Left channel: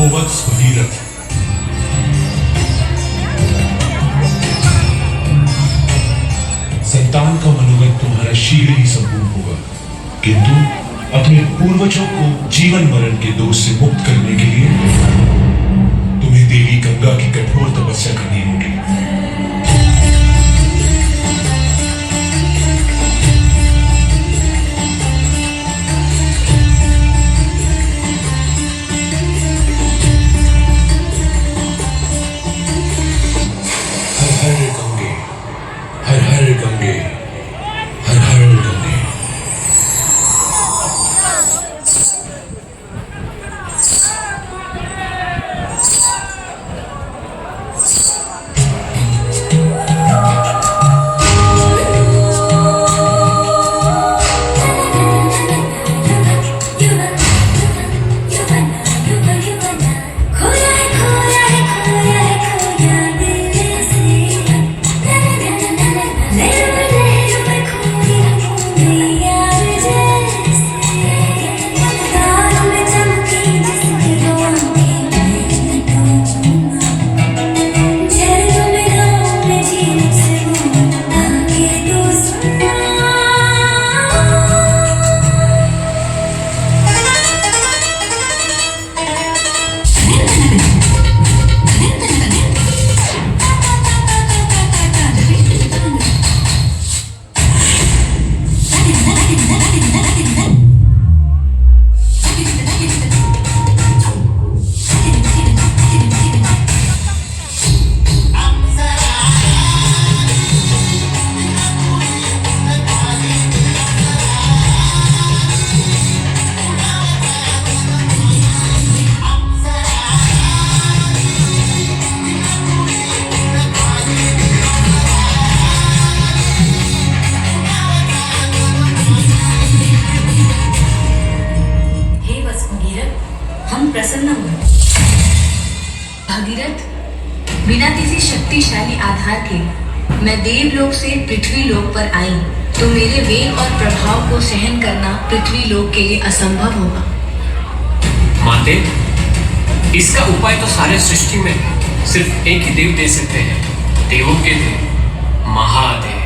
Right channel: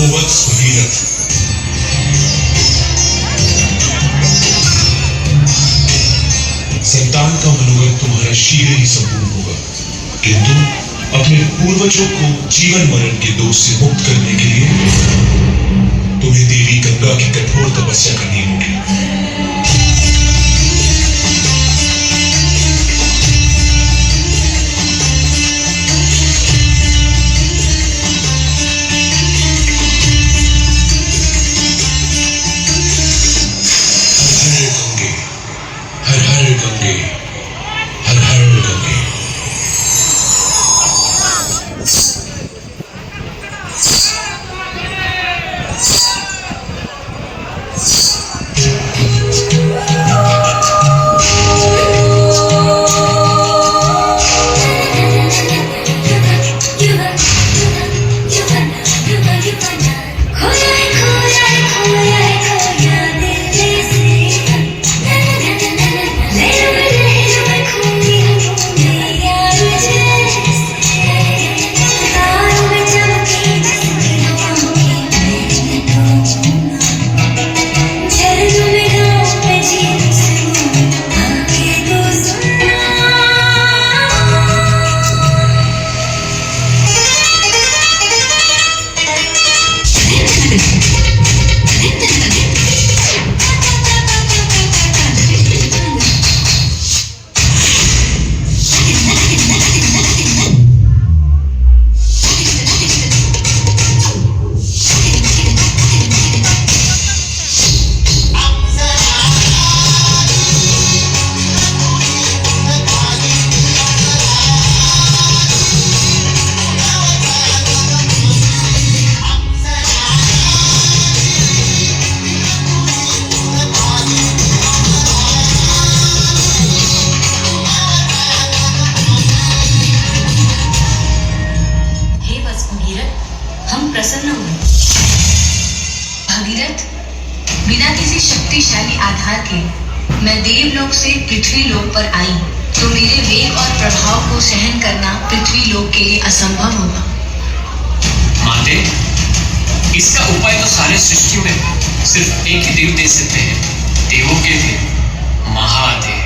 कोवत्स भगीरथ। संतान का मनोरथ तुम्हारा शीघ्र ही संपूर्ण होगा, किंतु अपने पूर्वजों को जीवन मरण के दोष से मुक्त करने के लिए तुम्हें देवी गंगा की कठोर तपस्या करनी होगी। हर हर गंगे, हर हर गंगे। प्रसन्न हुए। भगीरथ, बिना किसी शक्तिशाली आधार के मैं देवलोक से पृथ्वी लोक पर आई तो मेरे वेग और प्रभाव को सहन करना पृथ्वी लोक के लिए असंभव होगा। माते, इसका उपाय तो सारे सृष्टि में सिर्फ एक ही देव दे सकते हैं, देवों के देव महादेव।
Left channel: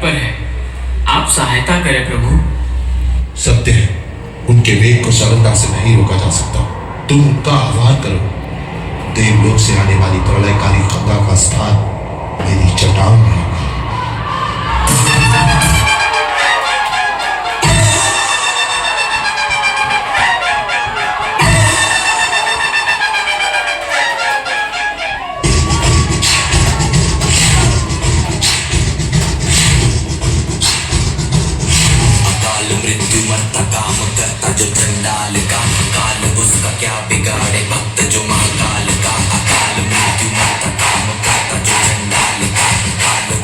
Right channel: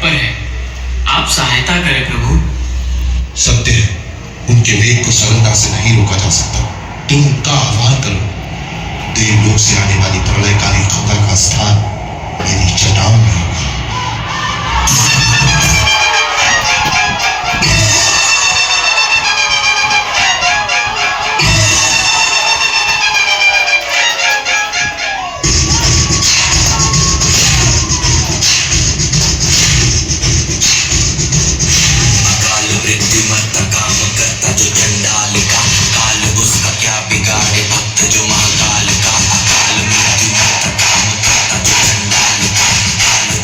ऊपर है। आप सहायता करें प्रभु। सत्य है, उनके वेग को सरलता से नहीं रोका जा सकता। तुम उनका आह्वान करो। देवलोक से आने वाली प्रलयकारी गंगा का स्थान मेरी चट्टान में होगा। जो महाकाल का अकाल मृत्यु मरता काम करता जो चंडाल का काल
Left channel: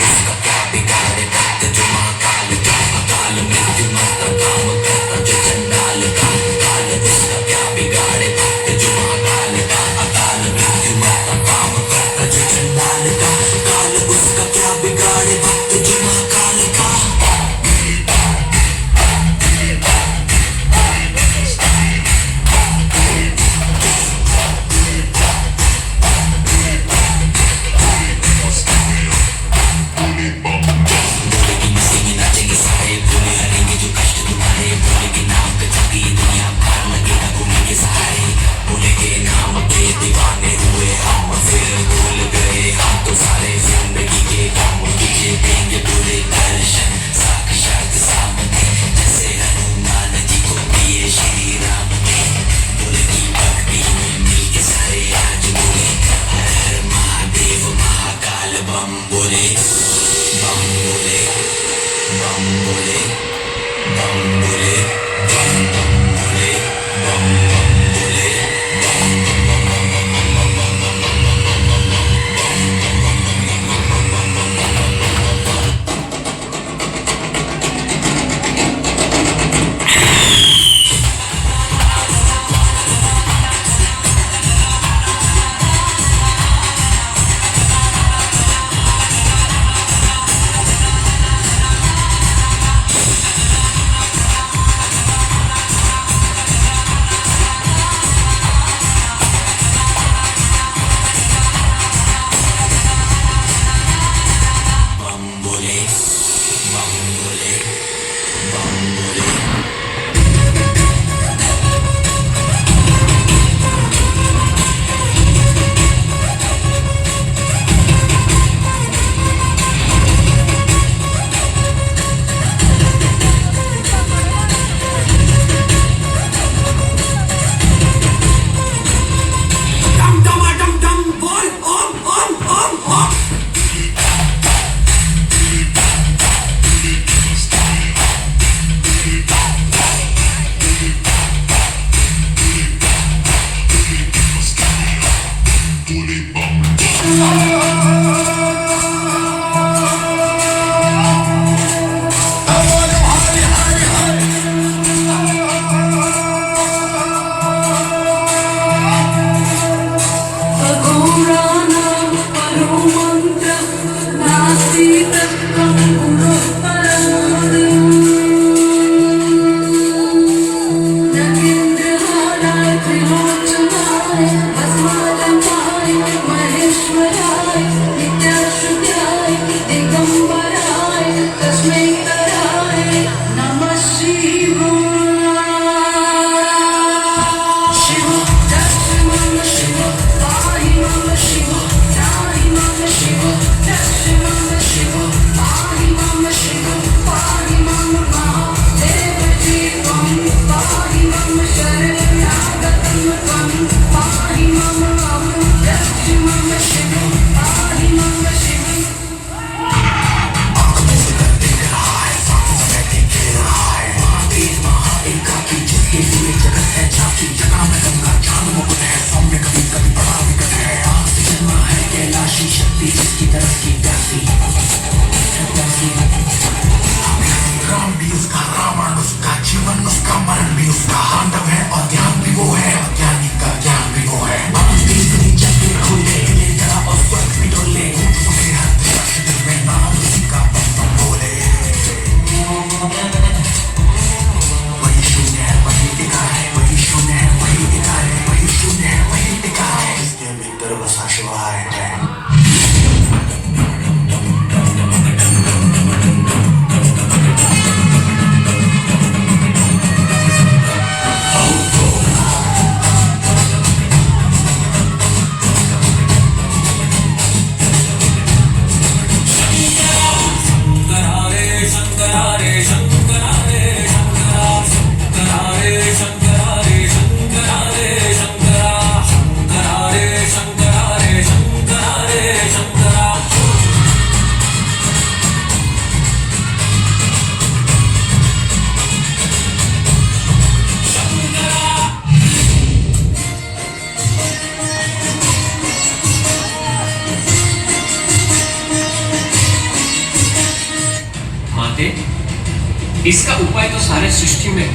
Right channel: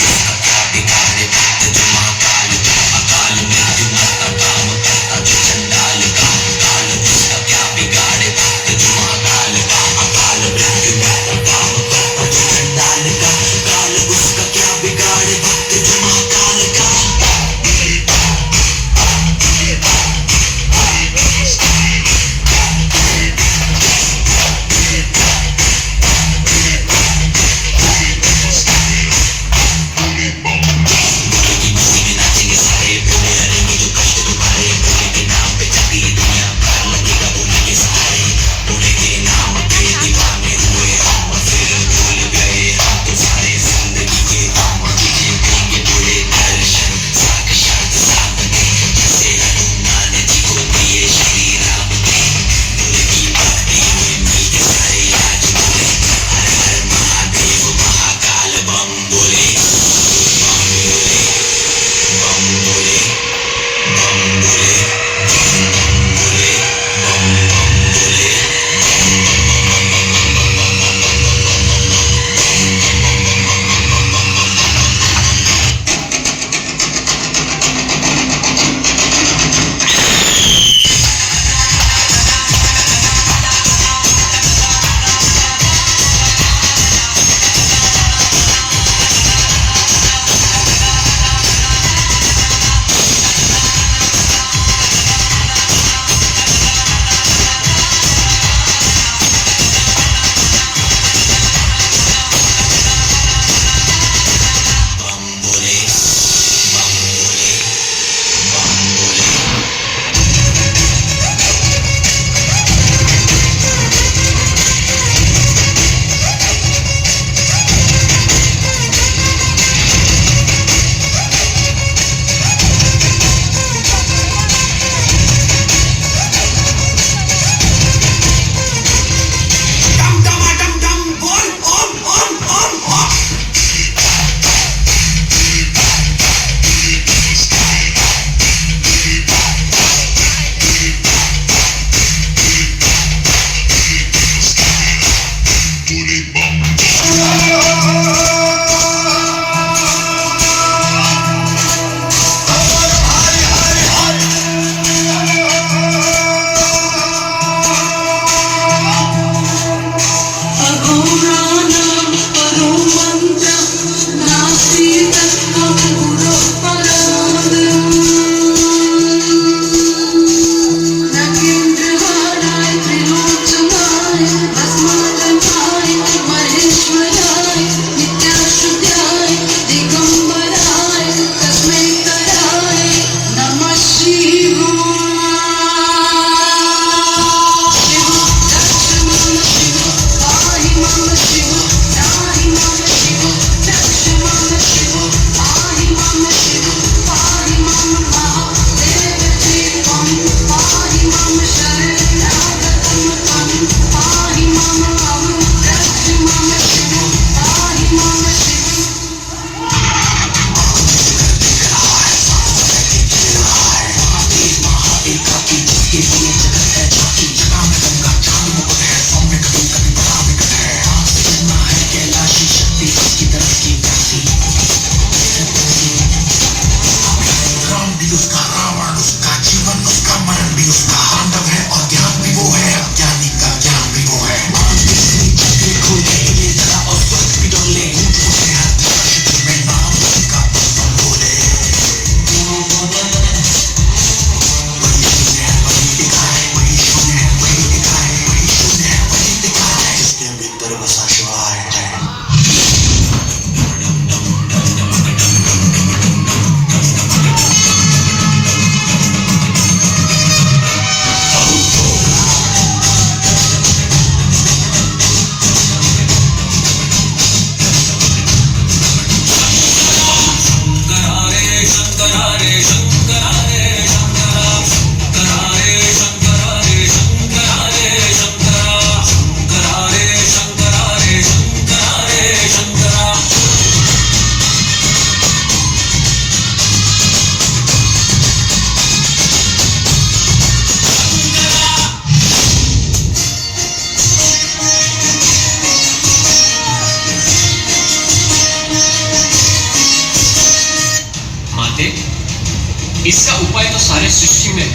माते, इसका उपाय तो सारे सृष्टि में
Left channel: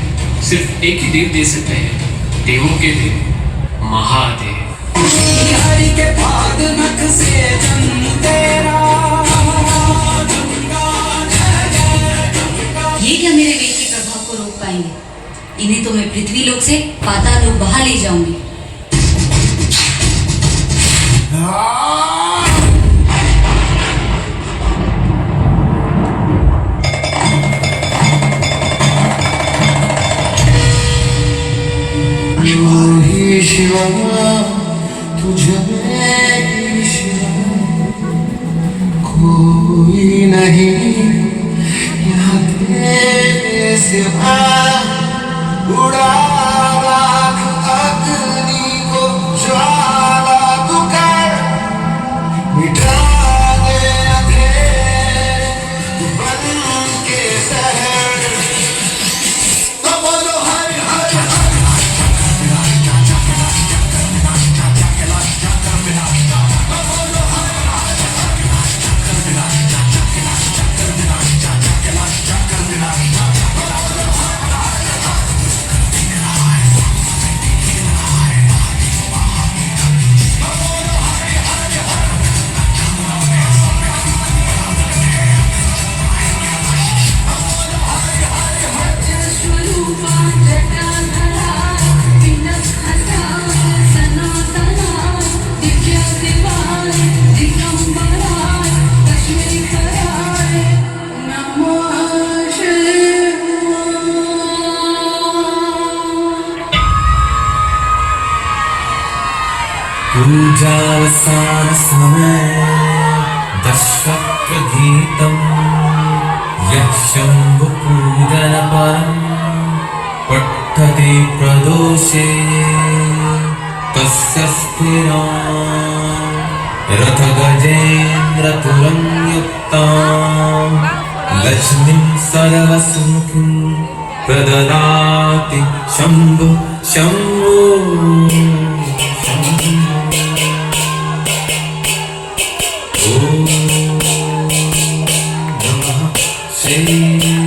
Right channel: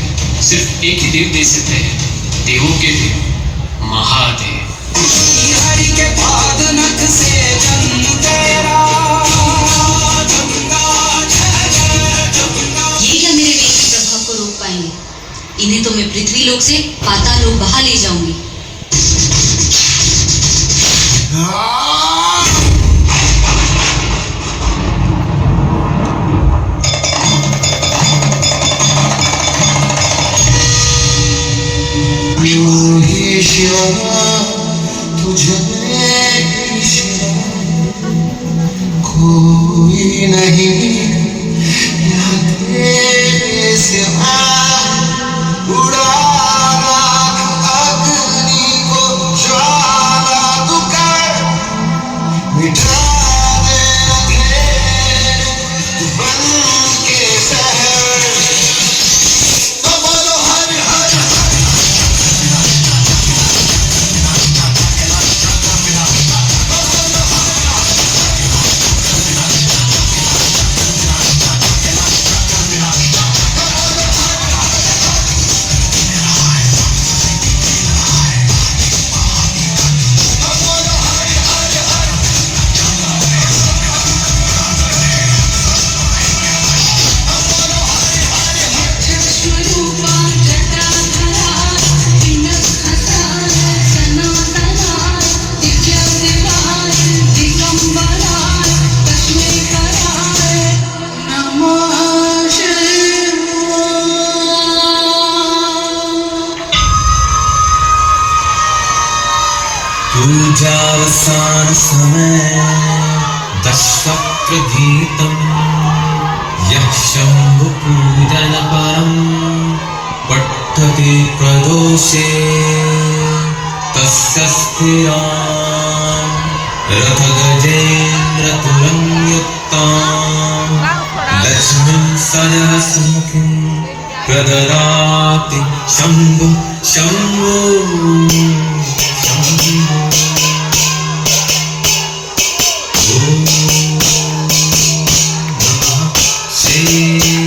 सिर्फ एक ही देव दे सकते हैं, देवों के देव महादेव। ये क्या मेरे वेग के प्रभाव को रोक पाएंगे? इन्हें तो मैं पृथ्वी लोक से पाताल लोक बहा ले जाऊंगी। तुझे कोई नहीं यहाँ तेरे सिवा उड़ा अग्नि को ज्वाला तू कर मिटा दे अंधेरे बन के शहर तो बोलो हर हर पूजावसान समय दशवक्त्र गीतम् यः शम्भुपूजन परम् पठ्यते प्रदोषे तस्य स्थिराम् रथगजेन्द्रतुलं युक्ताम् लक्ष्मीं सजवसुमुखीं प्रददाति Shambhu Shambhu Om Namah Shivaya.